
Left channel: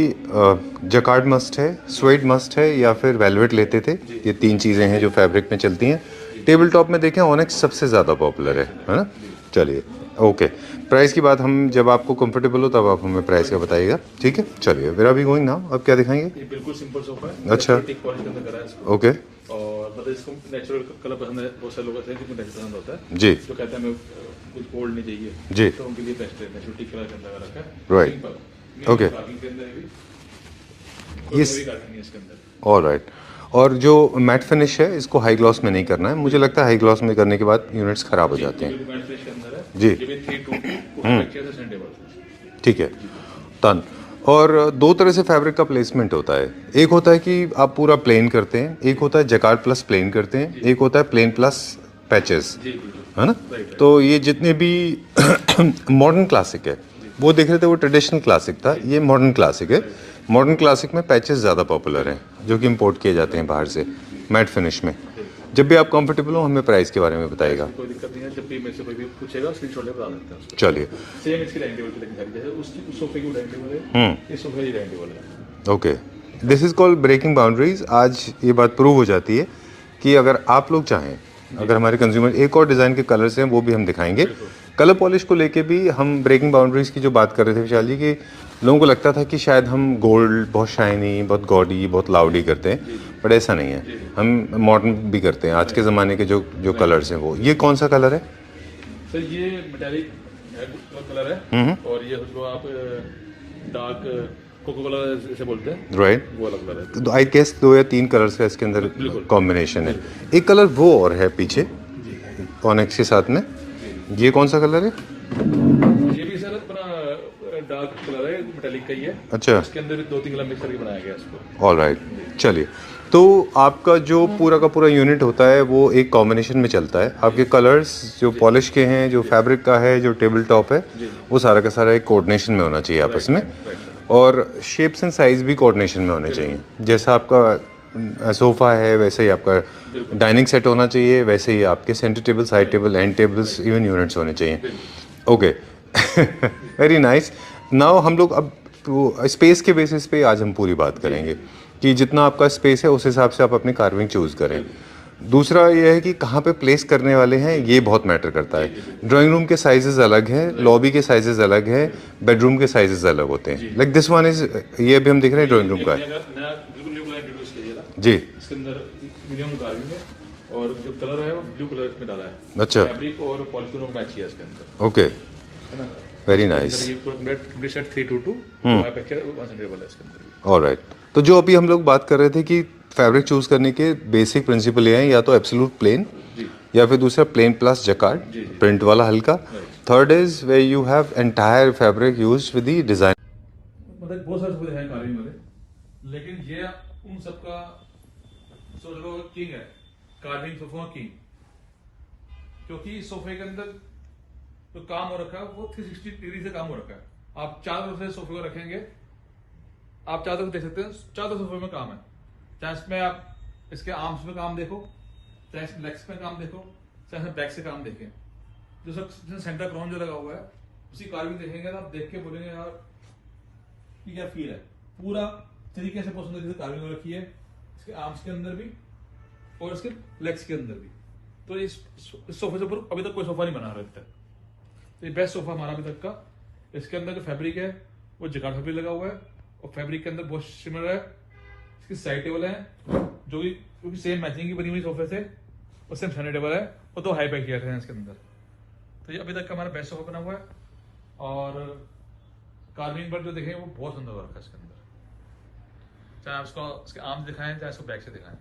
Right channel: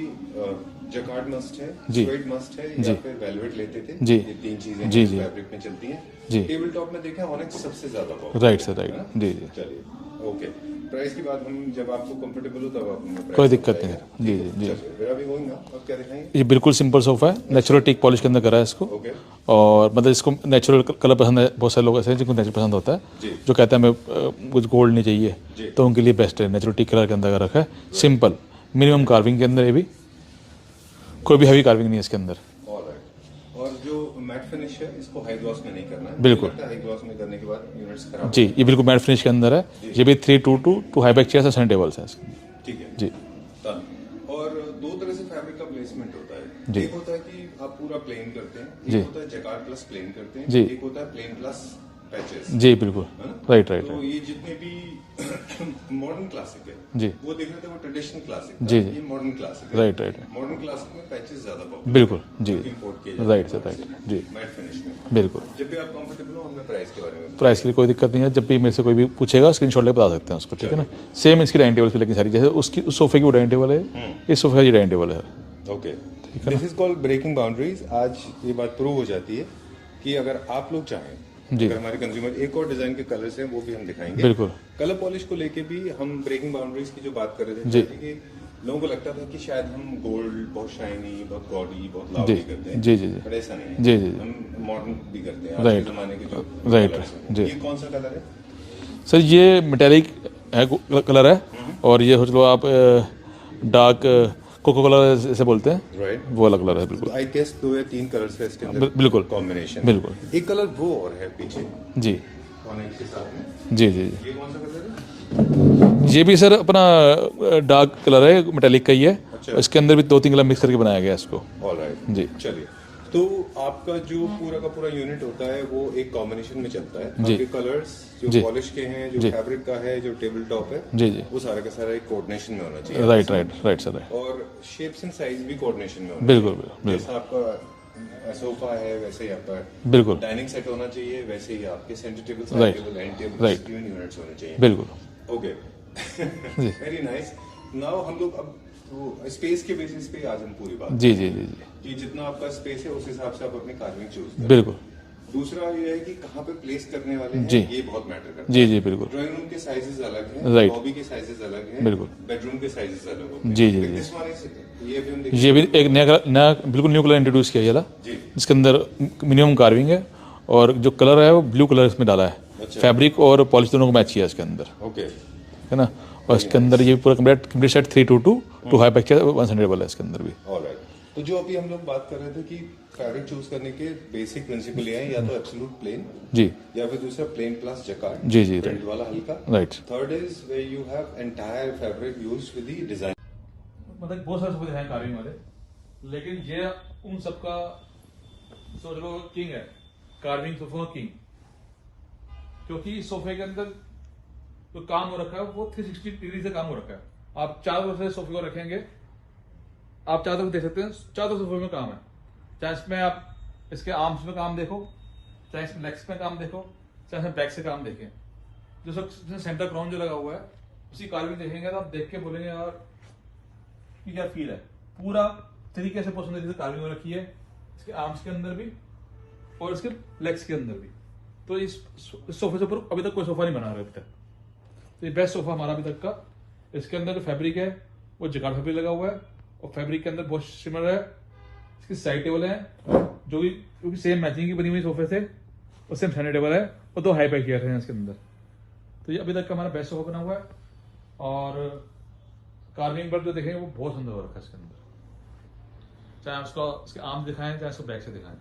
जकार्ड मस्ट है, स्वेड मस्ट है, या फिर वेलवेट लेते थे। जी। ये तीन चीजें हैं जो फैब्रिक में चलती हैं। टेबल टॉप में देखें ऑनेक्स सबसे ज्यादा पॉपुलर राइट है, सर, राइट। है ना? जी जी। चलिए ओके, प्राइस की बात हम जब आपको कंफर्टेबल हो तब आप हमें प्राइस का बताइएगा, ठीक है? चलिए फिर अभी गोइंग नाउ, अब क्या दिखाएंगे? ये बिल्कुल सिंपल सोफा है, नेचुरल टीक पॉलिश के अंदर करा है इसको। ओके और मतलब इसको नेचुरल कलर पसंद है, बहुत सारे लोग ऐसे हैं जिनको नेचुरल पसंद होता है, जी जो कहते हैं हमें कुछ गोल्ड नहीं चाहिए, जी। तो उनके लिए बेस्ट है। नेचुरल टीक कलर के अंदर का रखा है, Right। Simple minimum Okay। Carving के अंदर। ये भी कोई भी हैवी कार्विंग नहीं है इसके अंदर। ऑलराइट। और जो मैट फिनिश है, इसको हाई ग्लॉस में नहीं करना है, मुझे लगता है हाई ग्लॉस में करने के बाद यूनिट्स खराब हो जी, जाते ये हैं। बिल्कुल मैट फिनिश के अंदर है। जी। ये भी 322 to high back chairs and tables हैं इसके। ठीक है जी। डन। और दो तरह से फैब्रिक का प्लेसमेंट होता है, एक होता है कि आप पूरा प्लेन करते हैं, एक होता है जकार्ड प्लस प्लेन करते हैं, जी। एक होता है प्लेन प्लस पैचेस, जी बिल्कुल, है ना? Right right. तो ये जितने भी मॉडर्न क्लासिक है, जी। वो देख रहे थे वो ट्रेडिशनल क्लासिक था, जी। ये मॉडर्न क्लासिक है। Right right. मॉडर्न क्लासिक में पैचेस ज्यादा पॉपुलर है, बिल्कुल, जो कि इंपोर्ट किए जाते हैं राइट, बाहर राइट, से जी। मैट फिनिश में। बिल्कुल, जब भी आप कंफर्टेबल हो हमें प्राइस के बारे में प्राइस बताइएगा। की कोई दिक्कत नहीं है। जब भी मेरे से कोई भी पूछेगा स्क्रीनशॉट लेके बता सकते हैं उसको। चलिए। सेम इसकी डाइनिंग टेबल की लेकिन सारी, जैसे उसकी उस सोफे की वो डाइनिंग टेबल है, इस सोफे की डाइनिंग टेबल है। Okay, this is called breaking boundaries. आज ये बात प्रूव हो जाती है कि अगर आप लोग चाहें, अगर हमारे कंज्यूमर, एक और डिजाइन के कलर्स हैं वो भी हम दिखाएंगे। बिल्कुल। कलर पॉलिश को लेके भी हम ब्रेकिंग बाउंड्रीज की जो बात कर रहे थे विशाल जी, की लोगों को लगता था कि शायद हम गोल्ड बहुत शाइनी, बहुत गॉडी, बहुत लाउडी करते हैं, जी, जी, जी। बट ऐसा नहीं है। जी, जी, जी। हम मॉडर्न भी करते हैं, आज के ज़माने के जो कलर्स हैं वो। ये कौन सा कलर है? सर ये मेटेलिक है, कलर है, और ये सोच लो आप डार्क कोको कलर जैसे बोलते हैं, राइट। वो वाला कलर है। बिल्कुल। तो आई गेस 2 या 3 कलर्स का इसके अंदर बिल्कुल। कॉम्बिनेशन है। बिल्कुल। एक कलर वो और है पीछे जी ऑनेक्स के साथ में, जी जी। ये कौन सा कलर है? ये भी सर अपना डार्क कलर है, मेटेलिक का ही है। अच्छा। उसके अंदर भी 2-3 कलर मिक्स करके बनाया गया है इसको। ऑलराइट जी। चलिए, तो आपका जो पूरा का पूरा यूनिट होता है वो एक कॉम्बिनेशन में चलता है। आपके कलर्स जो पॉलिश के हैं, जो फैब्रिक का है, जो टेबल टॉप है, जी जी। वो सारा का सारा एक कोऑर्डिनेशन में होना चाहिए आपस राइट में। Right right sir. और शेप्स एंड साइज भी कोऑर्डिनेशन में होने चाहिए। जैसा आपका सोफा है वैसे ही आपका बिल्कुल। डाइनिंग सेट होना चाहिए, वैसे ही आपके centre table, side table, and tables, even units होने चाहिए। बिल्कुल। Okay, very nice. नाउ हम लोग अब स्पेस के बेसिस पे आज हम पूरी बात जी, करेंगे जी, कि जितना आपका स्पेस है उस हिसाब से आप अपनी कार्विंग चूज करें। बिल्कुल। दूसरा ये है कि कहाँ पे प्लेस करने वाले हैं, ये बहुत मैटर करता जी, है। जी, बिल्कुल। ड्राइंग रूम के साइजेस अलग हैं, Right। लॉबी के साइजेस अलग हैं, बिल्कुल। बेडरूम के साइजेस अलग होते जी, हैं। जी, लाइक दिस वन इज, ये अभी हम देख रहे हैं ये ड्राइंग भी एक रूम का। नया बिल्कुल न्यू कलर इंट्रोड्यूस किया ये जी इसके अंदर मिनिमम कार्विंग है, और जो कलर है वो ब्लू कलर इसमें डाला है। अच्छा। फैब्रिक और पॉलिश दोनों को मैच किया है इसके अंदर, ओके, है ना? और इसके अंदर ये पूरा complete set 322 to high back 100 है इसके अंदर भी। ऑलराइट। तो जो अभी हम लोग बात कर रहे थे कि फैब्रिक चूज करने के बेसिक प्रिंसिपल ये हैं, या तो एब्सोल्यूट प्लेन, जी या फिर दूसरा प्लेन प्लस जकार्ड, जी, जी। प्रिंट वाला हल्का। Right. Third is where you have entire fabric used with the design. मतलब बहुत सारे सोफे दिखाएं कार्विंग वाले, लेकिन ये उन सबका सोच लो किंग है, कार्विंग सोफा किंग, क्योंकि इस सोफे के अंदर जो काम हो रखा है वो 360 डिग्री से काम हो रखा है। आप चारों तरफ से सोफे को रखेंगे, आप चारों तरफ देख सकते हैं, चारों सोफे में काम है। चाहे इसमें आप इसके आर्म्स में काम देखो, चाहे इसमें लेग्स में काम देखो, चाहे इसमें बैक से काम देखें। जो सब सेंटर क्राउन जो लगा हुआ है उसी कार्विंग देखेंगे तो आप देख के बोलेंगे यार कि क्या फील है। पूरा तरीके से बहुत सुंदर कार्विंग हो रखी है, इसके आर्म्स के अंदर भी और इसके लेग्स के अंदर भी। तो इस सोफे से ऊपर अभी तक कोई सोफा नहीं बना रहा अभी तक। ये बेस्ट सोफा हमारा अभी तक का। इसके अंदर जो फैब्रिक है वो जकार्ड फैब्रिक लगा हुआ है, और फैब्रिक के अंदर बहुत सिमिलर है। इसकी साइड टेबल है जो भी सेम मैचिंग की बनी हुई सोफे से, और सेम सेंटर टेबल है, और तो हाई पैक किया था इसके अंदर। तो ये अभी तक का हमारा बेस्ट सोफा बना हुआ है, और कार्विंग पर जो देखेंगे वो बहुत सुंदर हो रखा है इसके अंदर। चाहे उसको इसके आर्म दिखाएं, चाहे उसको बैक से दिखाएं।